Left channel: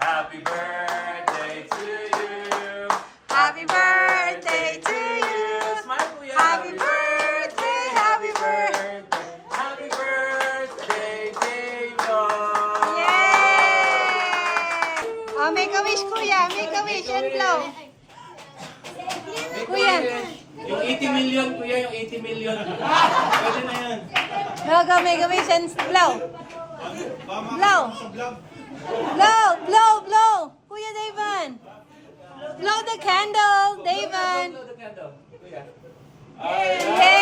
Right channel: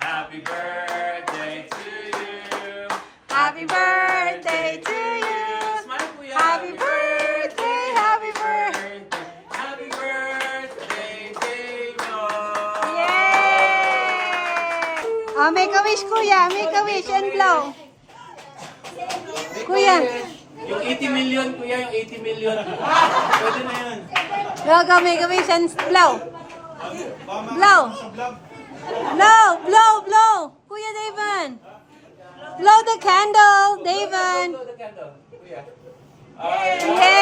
Happy birthday to you. Happy birthday to you. Smile, kuya. Happy birthday, happy birthday. Happy birthday, David. Yay! Oh, make a wish, kuya. Make a wish and blow. Kuya. Yung 80 million, kuya, yung 80 million. Pwede na yun. Go, make a wish and blow. Blow. Blow, blow, blow. Kuya David. Blow the candle, David. Blow the candle, kuya. Yay!